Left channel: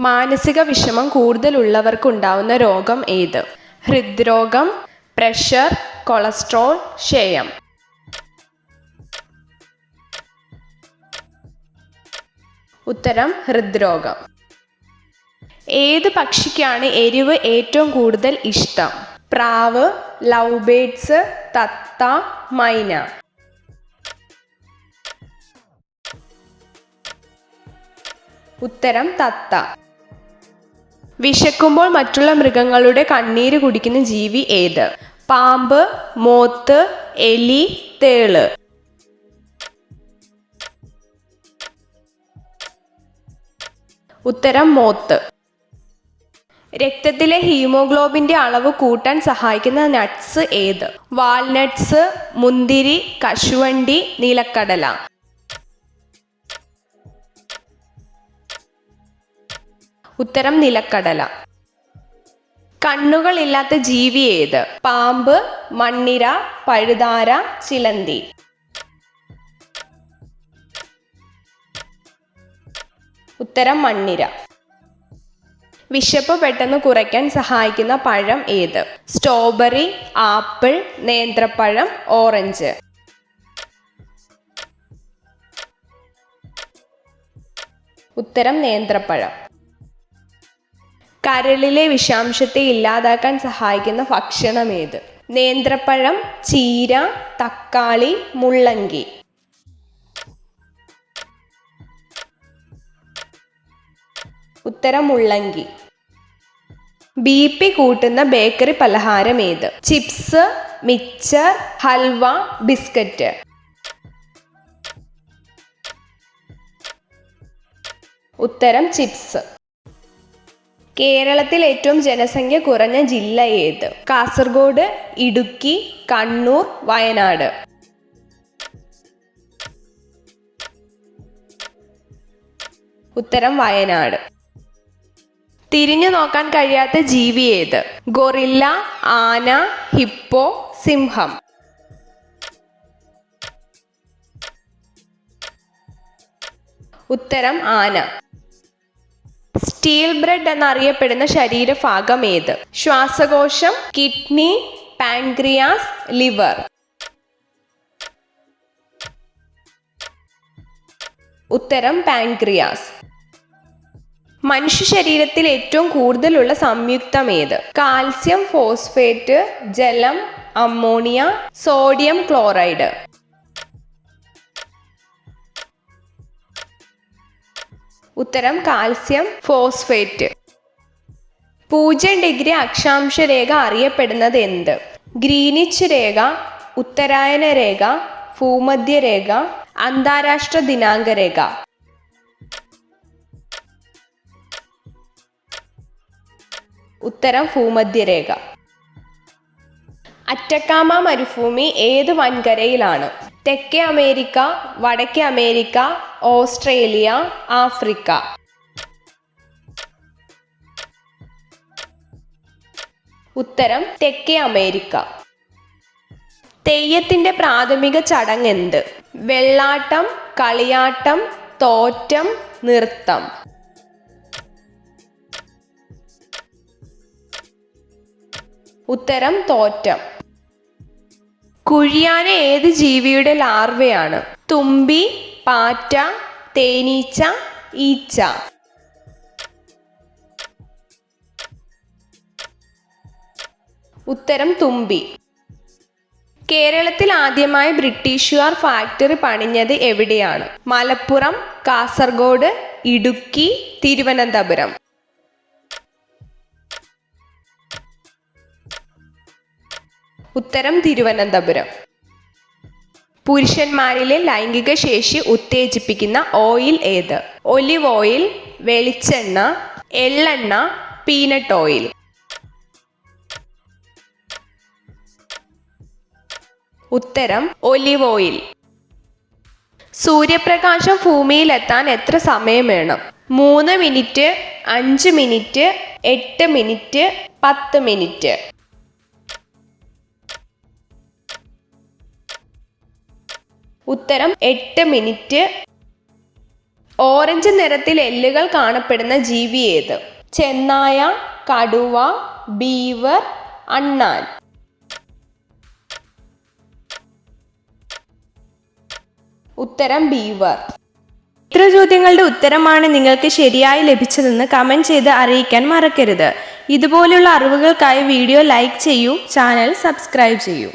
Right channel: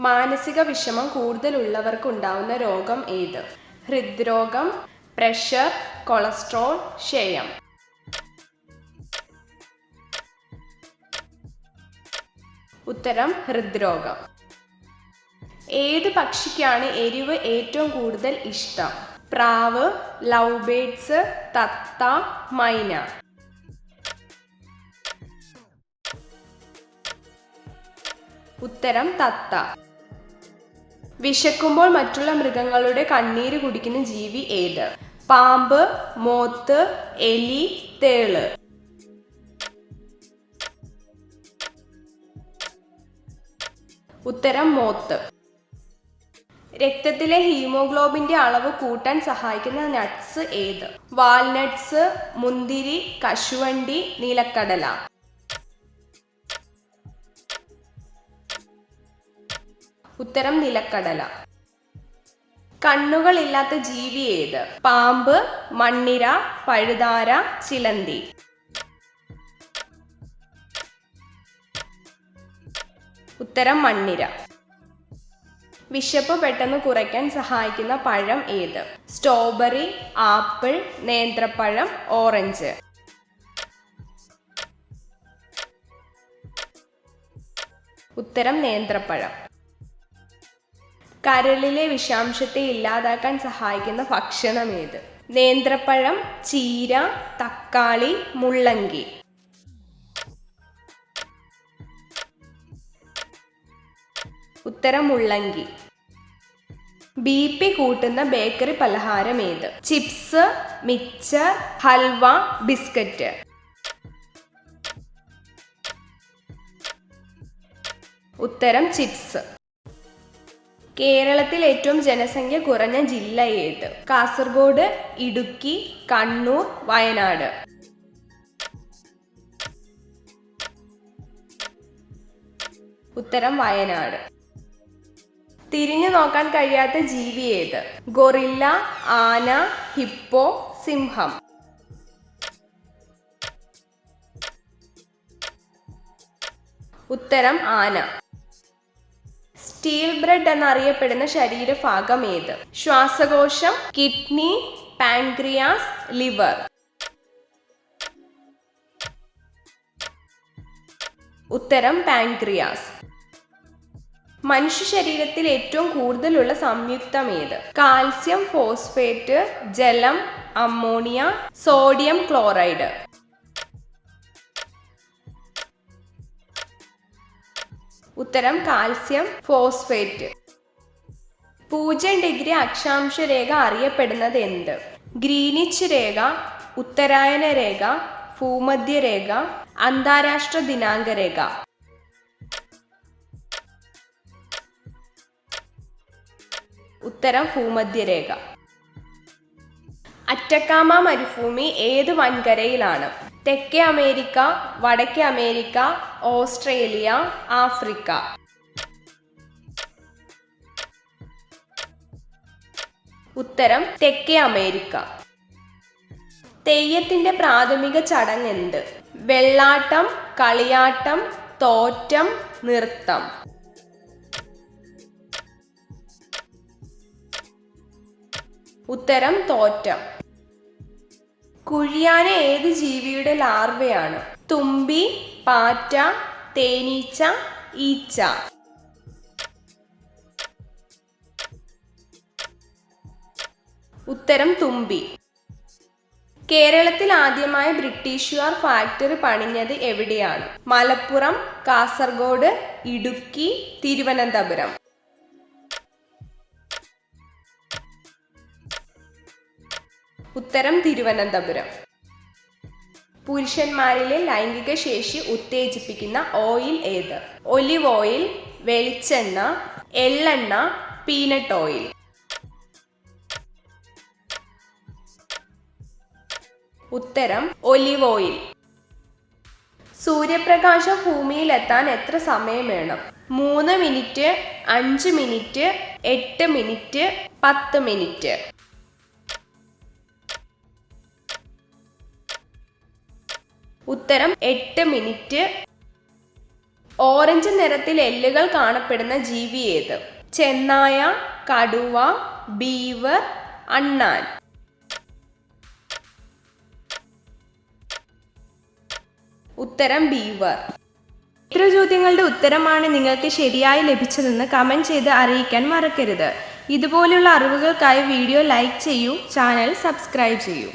മാനസിക വിഷമം കൂടുതലുള്ളവർക്കുണ്ടാവുന്ന രോഗം ഏത്? ഹൃദ്രോഗം, പ്രഷർ, കൊളസ്ട്രോൾ, ക്ഷയം. ഉത്തരം ഹൃദ്രോഗം. ഏത് പക്ഷിക്കാണ് എരിവ് ഏറ്റവും കൂടുതൽ ഇഷ്ടം? പ്രാവ്, ലവ് ബേർഡ്സ്, തത്ത, മൈന. ഉത്തരം തത്ത. വിശക്കുമ്പോൾ മറ്റുള്ള മൃഗങ്ങളുടെ കണ്ണീര് കുടിക്കുന്ന ജീവി ഏത്? പാമ്പ്, മോത്ത്, എലി, തേള്. ഉത്തരം മോത്ത്. രക്തത്തിലെ ഹീമോഗ്ലോബിന്റെ അളവ് കൂട്ടാൻ സഹായിക്കുന്ന നട്ട്സ് ഏത്? വാൾനട്ട്സ്, മുന്തിരി, കശുവണ്ടി, നിലക്കടല. ഉത്തരം നിലക്കടല. കണ്ണുകളില്ലാത്ത ജീവി ഏത്? പാമ്പ്, മണ്ണിര, പഴുതാര, ചിലന്തി. ഉത്തരം മണ്ണിര. വിശപ്പ് പെട്ടെന്ന് കുറയ്ക്കാൻ സഹായിക്കുന്ന പഴം ഏത്? സ്ട്രോബെറി, ആപ്പിൾ, നേന്ത്രപ്പഴം, ഓറഞ്ച്. ഉത്തരം നേന്ത്രപ്പഴം. കരളിലെ വിഷാംശത്തെ ഇല്ലാതാക്കാൻ സഹായിക്കുന്ന ഭക്ഷണം ഏത്? നേന്ത്രപ്പഴം, ചീര, തക്കാളി, മുള്ളങ്കി. ഉത്തരം മുള്ളങ്കി. BP കൂട്ടുന്ന ബേക്കറി പലഹാരം ഏത്? ചിപ്സ്, മിച്ചർ, ഹൽവ, ബിസ്ക്കറ്റ്. ഉത്തരം ചിപ്സ്. കേരളത്തിൽ ഏറ്റവും ജനസംഖ്യ കുറഞ്ഞ ജില്ല ഏത്? കാസർഗോഡ്, ഇടുക്കി, കണ്ണൂർ, വയനാട്. ഉത്തരം വയനാട്. തിരിഞ്ഞു നോക്കാൻ കഴിയാത്ത ജീവി ഏത്? ഗൊറില്ല, ആന, ഹിപ്പോ, സിംഹം. ഉത്തരം ആന. സ്റ്റീൽ ബ്രെഡ് എന്നറിയപ്പെടുന്ന ശരീരഭാഗം ഏത്? ശ്വാസകോശം, കിഡ്നി, പാൻക്രിയാസ്, ലിവർ. ഉത്തരം പാൻക്രിയാസ്. മനുഷ്യ ശരീരത്തിൽ ഏറ്റവും കൂടുതലുള്ള സംയുക്തം ഏത്? കാൽസ്യം ഫോസ്ഫേറ്റ്, ജലം, അമ്മോണിയ, സോഡിയം ക്ലോറൈഡ്. ഉത്തരം കാൽസ്യം ഫോസ്ഫേറ്റ്. 0 അക്ഷാംശ രേഖ അറിയപ്പെടുന്നത് എന്ത്? ഗ്രീനിച്ച് രേഖ, ഉത്തരായന രേഖ, ഭൂമധ്യരേഖ, അന്താരാഷ്ട്ര ദിനാങ്ക രേഖ. ഉത്തരം ഭൂമധ്യരേഖ. അറ്റക്കാമ മരുഭൂമി ഏത് വൻകരയിലാണ്? തെക്കേ അമേരിക്ക, വടക്കേ അമേരിക്ക, ഓസ്ട്രേലിയ, ആഫ്രിക്ക. ഉത്തരം തെക്കേ അമേരിക്ക. തെയ്യത്തിന്റെ പ്രാഥമിക ചടങ്ങ് എന്ത്? വെള്ളാട്ടം, കളിയാട്ടം, തോറ്റം, നൃത്തം. ഉത്തരം തോറ്റം. കുഴിയാന ഏത് ജീവിയുടെ ലാർവയാണ്? തുമ്പി, പാറ്റ, തേനീച്ച, ഈച്ച. ഉത്തരം തുമ്പി. കേരളത്തിൽ ആദ്യമായി ബ്രിട്ടീഷുകാർ ഫാക്ടറി പണിഞ്ഞത് എവിടെയാണ്? മലപ്പുറം, കാസർഗോഡ്, ഇടുക്കി, തിരുവനന്തപുരം. ഉത്തരം തിരുവനന്തപുരം. പുരുഷന്മാരിലെ ലൈംഗിക ശേഷി ഉത്തേജിപ്പിക്കുന്ന ഓയിൽ ഏത്? ഒലിവ് ഓയിൽ, വെളിച്ചെണ്ണ, എള്ളെണ്ണ, പീനട്ട് ഓയിൽ. ഉത്തരം ഒലിവ് ഓയിൽ. സൂര്യപ്രകാശം ഭൂമിയിലെത്താൻ എത്ര സമയം വേണം? 3 മിനിറ്റ്, 5 മിനിറ്റ്, 8 മിനിറ്റ്, 10 മിനിറ്റ്. ഉത്തരം 8 മിനിറ്റ്. ഓറഞ്ച് നിറത്തിൽ എല്ലുകൾ കാണപ്പെടുന്ന ജീവി ഏത്? ചെന്നായ, കടുവ, ബീവർ, അണ്ണാൻ. ഉത്തരം ബീവർ. ഇത്ര ചോദ്യങ്ങളുടെ ഉത്തരമാണ് നിങ്ങൾക്ക് ശരിയായി ലഭിച്ചതെന്ന് കമൻറ്റ് ചെയ്ത് അറിയിക്കാൻ മറക്കരുത്. ഇതുപോലുള്ള അറിവുകൾക്കായി വീഡിയോ ലൈക്ക് ചെയ്യൂ, ചാനൽ സബ്സ്ക്രൈബ് ചെയ്യൂ.